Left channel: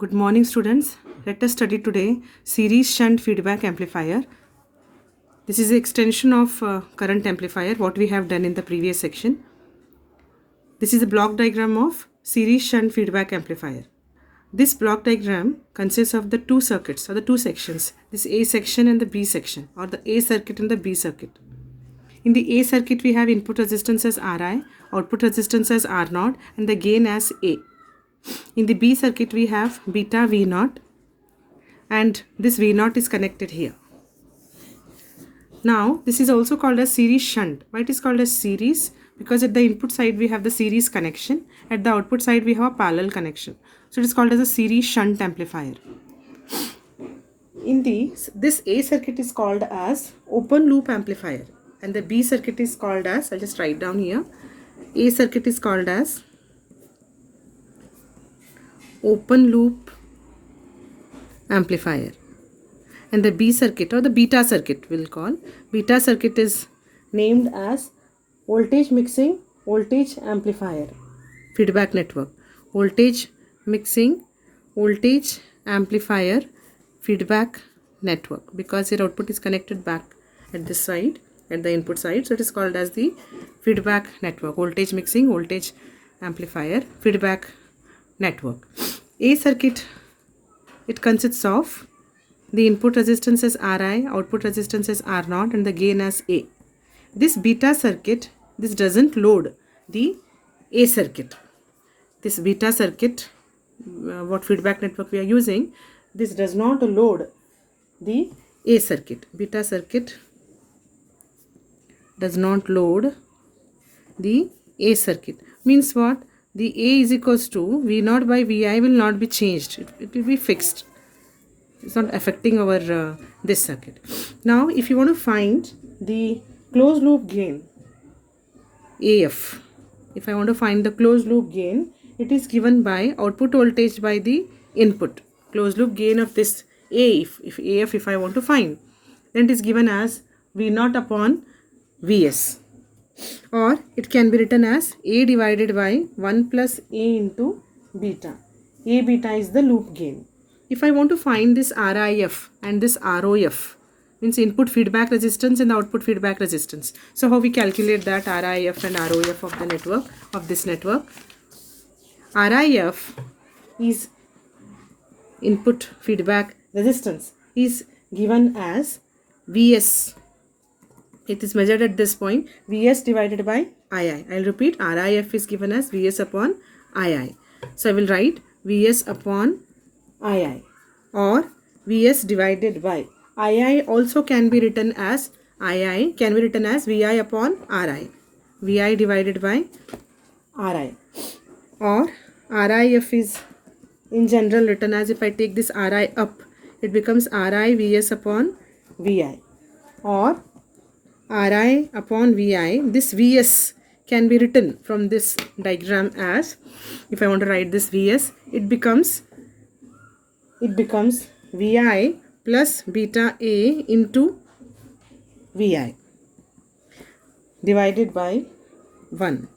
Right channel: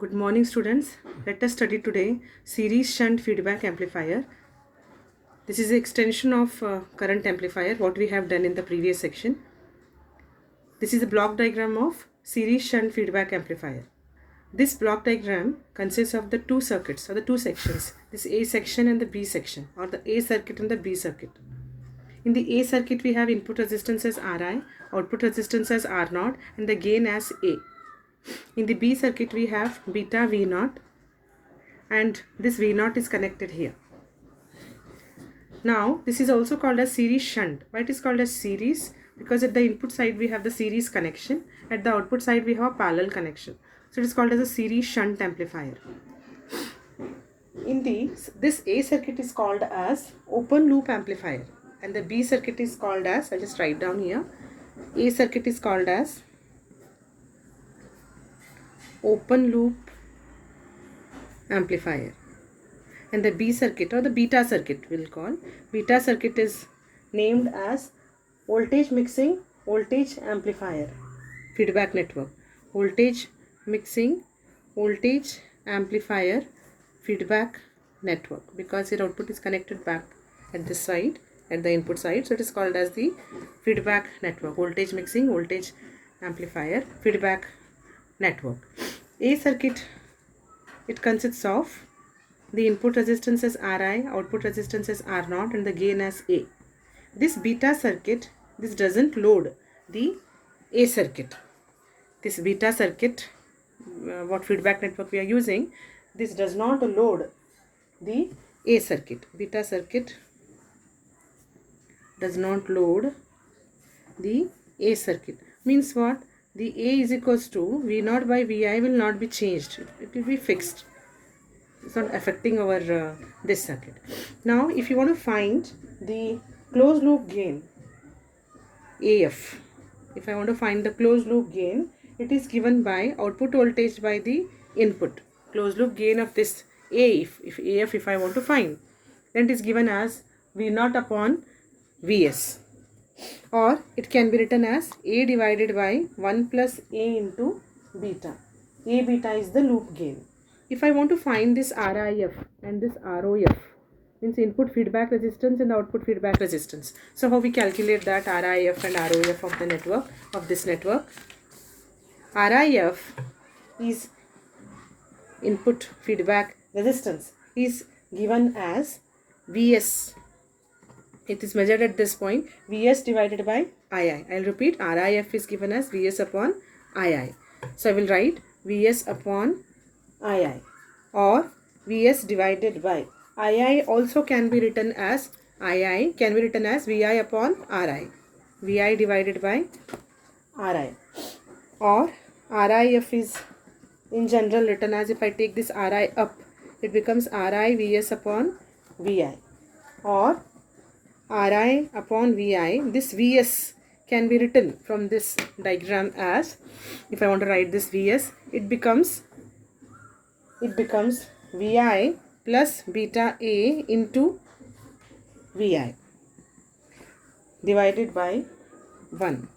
Good morning, students. Let us study today series shunt feedback amplifier. This is an extension of current amplifier, what we have done in the previous section. This is a block diagram of series shunt feedback amplifier. This block diagram consists of the two circuits or the two sections, this A section and the B section, or the A circuit and the B circuit. In the A circuit, we have input resistance as Ri, output resistance as R0, and the gain as A. In the B circuit, we have beta V0, and this V0 is connected here. Now, this is also called as series shunt. Why it is called as series? Because at the input side, we have the series connection. At the output side, we have a parallel connection. So, it is called as a series shunt amplifier. In this A circuit is called as open loop amplifier, and the B circuit is called as, I'll just write down here, A circuit is called as open loop amplifier, and the B circuit or the beta circuit we'll call, beta circuit is named as voltage mixing voltage amplifier feedback network, voltage mixing voltage amplifier feedback network, because your output is connected back at this side, at the input side, so it is called as the feedback network, voltage mixing voltage amplifier feedback network. A circuit, it consists of the input resistance as Ri, output resistance as R0, and the gain as A. This beta circuit, this doesn't load the A circuit. This beta circuit, what feedback network we are using, this does not load the A circuit. Beta circuit does not load the A circuit. Means what? The A is equals to V0 by Vi will not be changed. It will be fixed. It's not affecting our this circuit. Now, if you want to find the closed loop gain, AF, if I want to find the closed loop gain, it is given by output voltage by the input. Closed loop gain of this A, if AF, if I want to find, then it is given as V0 upon Vs. Or it can be written as A divided by 1 plus A into beta. A beta is the loop gain. If I want to find this RIF and this ROF, means input feedback resistance and the output feedback resistance. So how we calculate that RIF and ROF of the network, of this network? RIF is input feedback resistance, is given as Vs. It is measured at this point, Vs divided by Ii. I'll repeat, RIF is given as Vs upon Ii. So I will write Vs upon Ii, or Vs divided by Ii also can be written as Ii, can be written as Vi upon Ri. Vi divided by Ri. Or RIF is in general written as, if I take this Ri up, it becomes Ri Vs upon Vi. Or Ri upon Vi, this Vs can be written from this diagram as, if I want to write this Vs, it becomes Vi plus beta A into Vi divided by 1.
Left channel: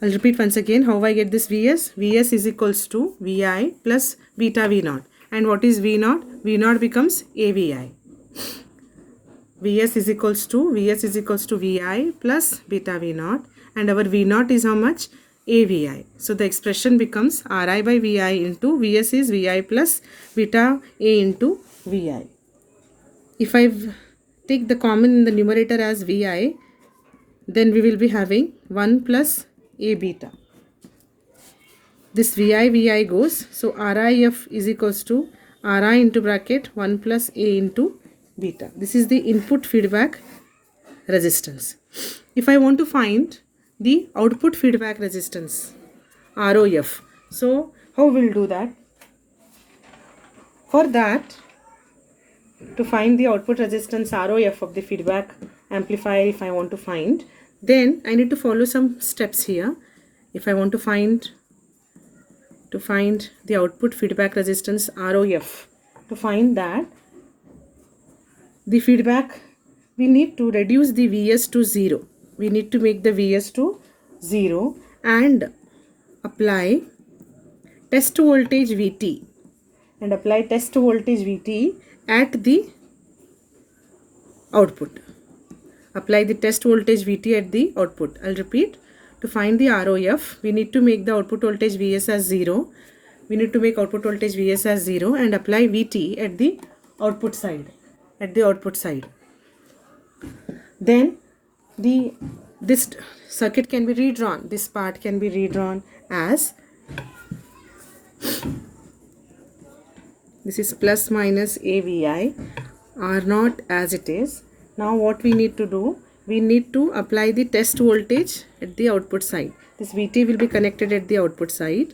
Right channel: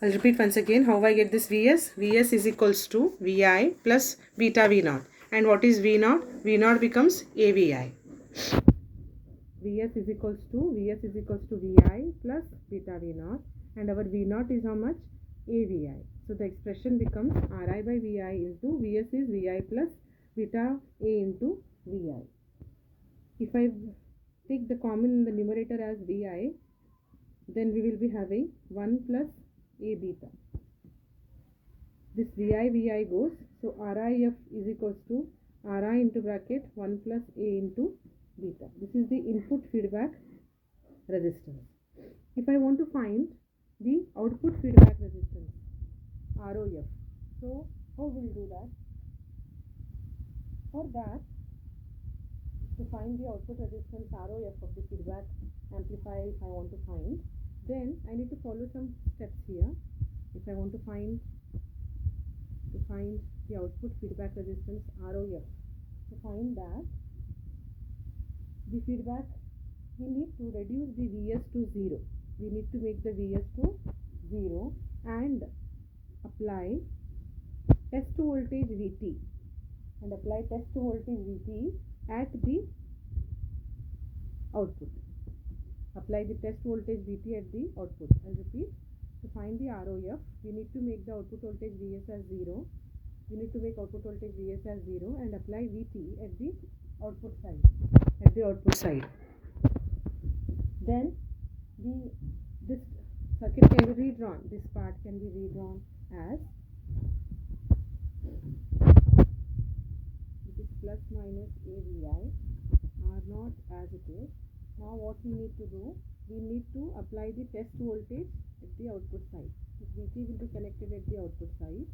I'll repeat once again how I get this Vs. Vs is equals to Vi plus beta V0. And what is V0? V0 becomes AVI. Vs is equals to Vi plus beta V0, and our V0 is how much? AVI. So the expression becomes Ri by Vi into Vs is Vi plus beta A into Vi. If I take the common in the numerator as Vi, then we will be having 1 plus A beta. This Vi goes, so RIF is equals to Ri into bracket 1 plus A into beta. This is the input feedback resistance. If I want to find the output feedback resistance, ROF, so how we'll do that? For that, to find the output resistance ROF of the feedback amplifier, if I want to find, then I need to follow some steps here. If I want to find the output feedback resistance ROF, to find that, the feedback, we need to reduce the Vs to 0. We need to make the Vs to 0 and apply test voltage Vt and apply test voltage Vt at the output. Apply the test voltage Vt at the output. I'll repeat. To find the ROF, we need to make the output voltage Vs as 0. We need to make output voltage Vs as 0 and apply Vt at the output side. Then this circuit can be redrawn. This part can be redrawn as, this is plus minus AVI, R0 as it is. Now what we need to do, we need to apply the test voltage at the output side. This Vt will be connected at the output side.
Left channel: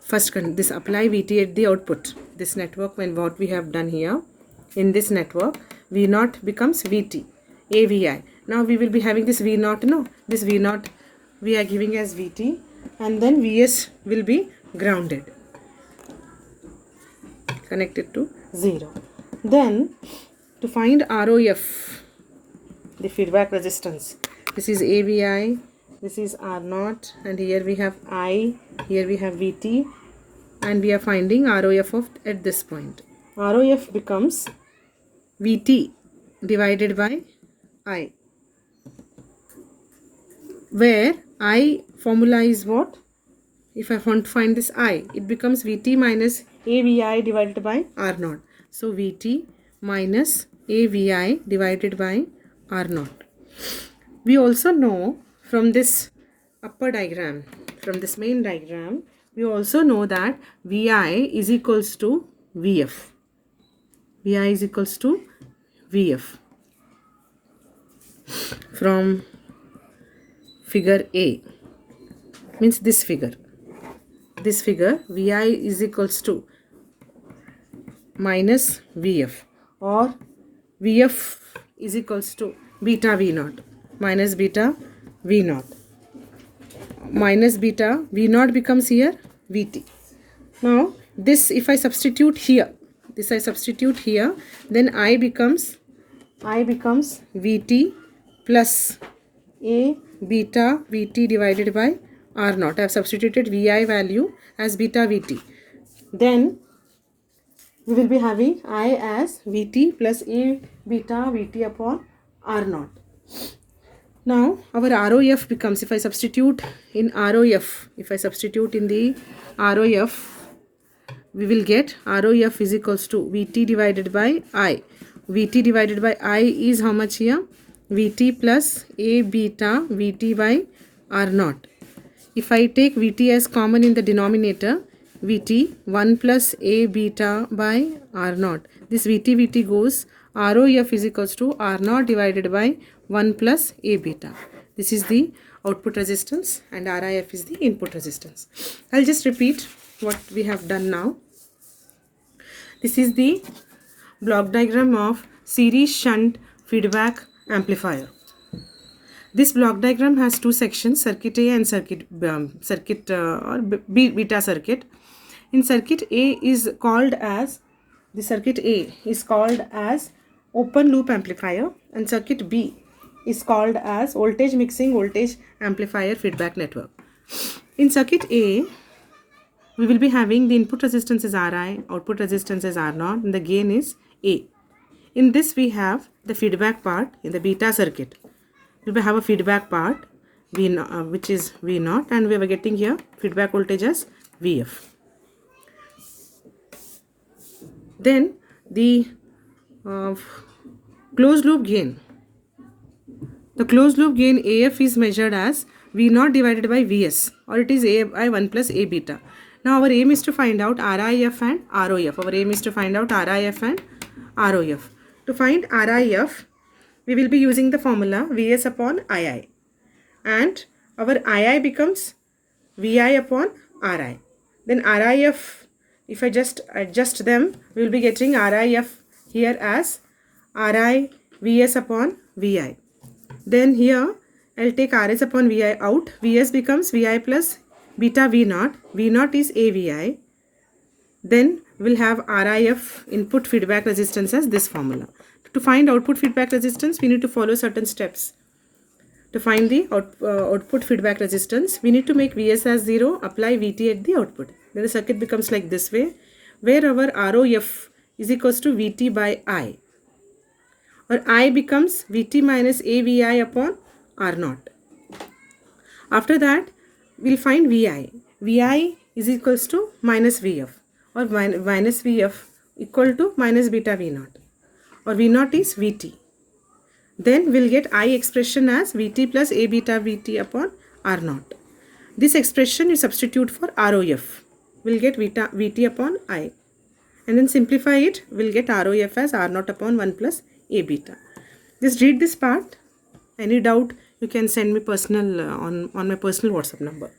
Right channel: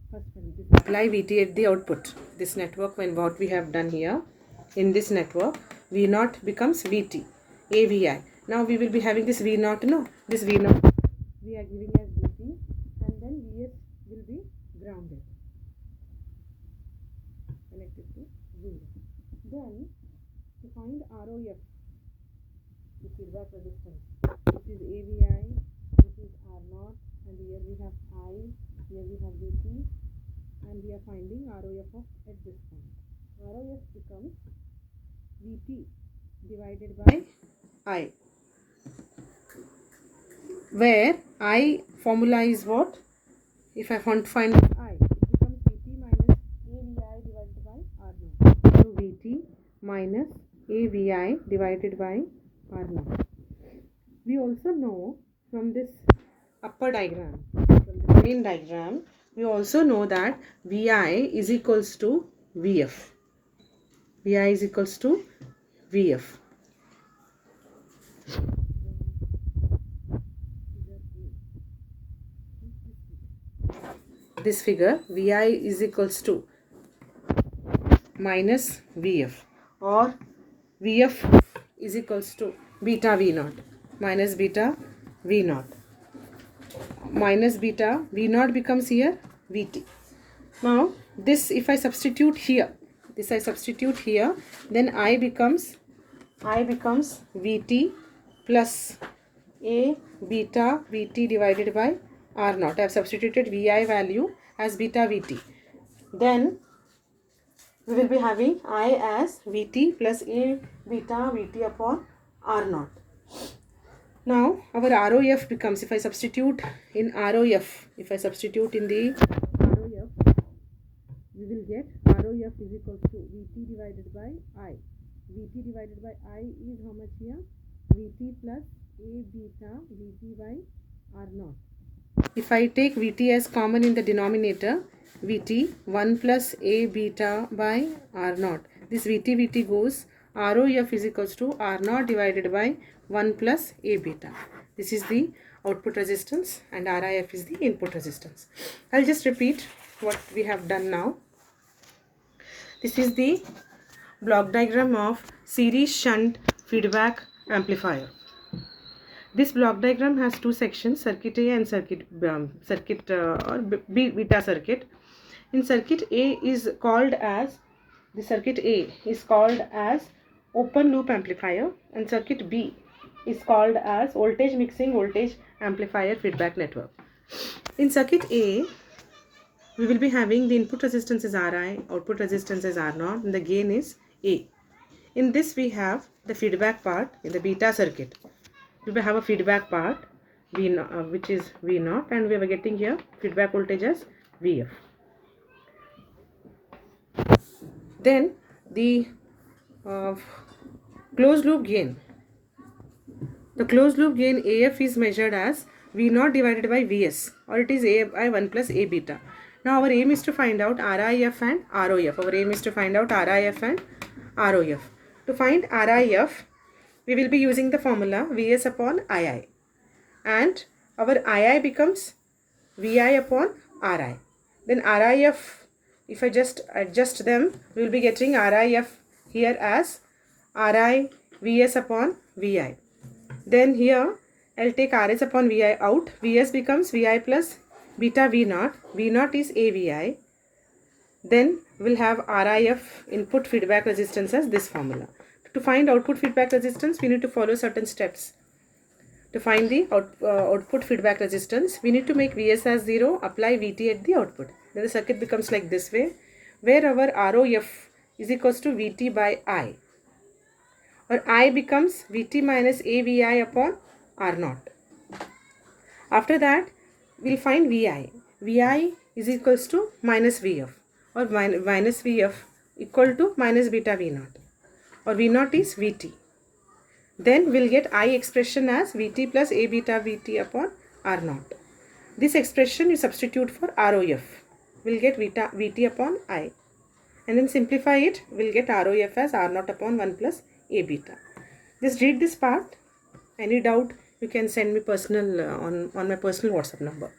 First, this apply Vt at the output. This network, when what we have done here, in this network, V0 becomes Vt, AVI. Now we will be having this V0, no? This V0 we are giving as Vt, and then Vs will be grounded, connected to 0. Then to find ROF, the feedback resistance, this is AVI, this is R0, and here we have I, here we have Vt, and we are finding ROF of at this point. ROF becomes Vt divided by I, where I formula is what? If I want to find this I, it becomes Vt minus AVI divided by R0. So Vt minus AVI divided by R0. We also know from this upper diagram, from this main diagram, we also know that Vi is equals to Vf. Vi is equals to Vf from figure A, means this figure. This figure, Vi is equals to minus Vf, or Vf is equals to beta V0 minus beta V0. Minus beta V0 becomes here Vt. Now this, if I substitute here, then I becomes Vt plus A beta Vt divided by R0. I have substituted Vi value as beta Vt. Then we will be having I as Vt plus A beta Vt upon R0. Now our ROF becomes, if I substitute in ROF, we will get ROF is equals to Vt divided by I. Vt divided by I is how much here? Vt plus A beta Vt by R0. If I take Vt as common in the denominator, Vt 1 plus A beta by R0. This Vt goes, ROF is equals to R0 divided by 1 plus A beta. This is the output resistance and RIF is the input resistance. I'll just repeat what we have done now. This is the block diagram of series shunt feedback amplifier. This block diagram has two sections, circuit A and beta circuit. In circuit A is called as, the circuit A is called as open loop amplifier, and circuit B is called as voltage mixing voltage amplifier feedback network. In circuit A, we will be having the input resistance is Ri, output resistance is R0, and the gain is A. In this we have the feedback part in the beta circuit. We will have a feedback part which is V0, and we are getting here feedback voltage as Vf. Then the closed loop gain. The closed loop gain AF is measured as V0 divided by Vs, or it is AI 1 plus A beta. Now our aim is to find out RIF and ROF. To find RIF, we will be using the formula Vs upon II, and our II becomes Vi upon Ri. Then RIF, if I just adjust them, we will be getting RIF here as Ri Vs upon Vi. Then here I will take Rs upon Vi out. Vs becomes Vi plus beta V0. V0 is AVI. Then we will have RIF, input feedback resistance, as this formula. To find output feedback resistance, we need to follow certain steps. To find the output feedback resistance, we need to make Vs as 0, apply Vt at the output. then the circuit becomes like this way, where our ROF is equals to Vt by I, or I becomes Vt minus AVI upon R0. After that, we'll find Vi. Vi is equals to minus Vf, or minus Vf equal to minus beta V0, or V0 is Vt. Then we'll get I expression as Vt plus A beta Vt upon R0. This expression you substitute for ROF. We'll get Vt upon I. And then simplify it, we'll get ROF as R0 upon 1 plus A beta. Just read this part. Any doubt, you can send me personal on my personal WhatsApp number.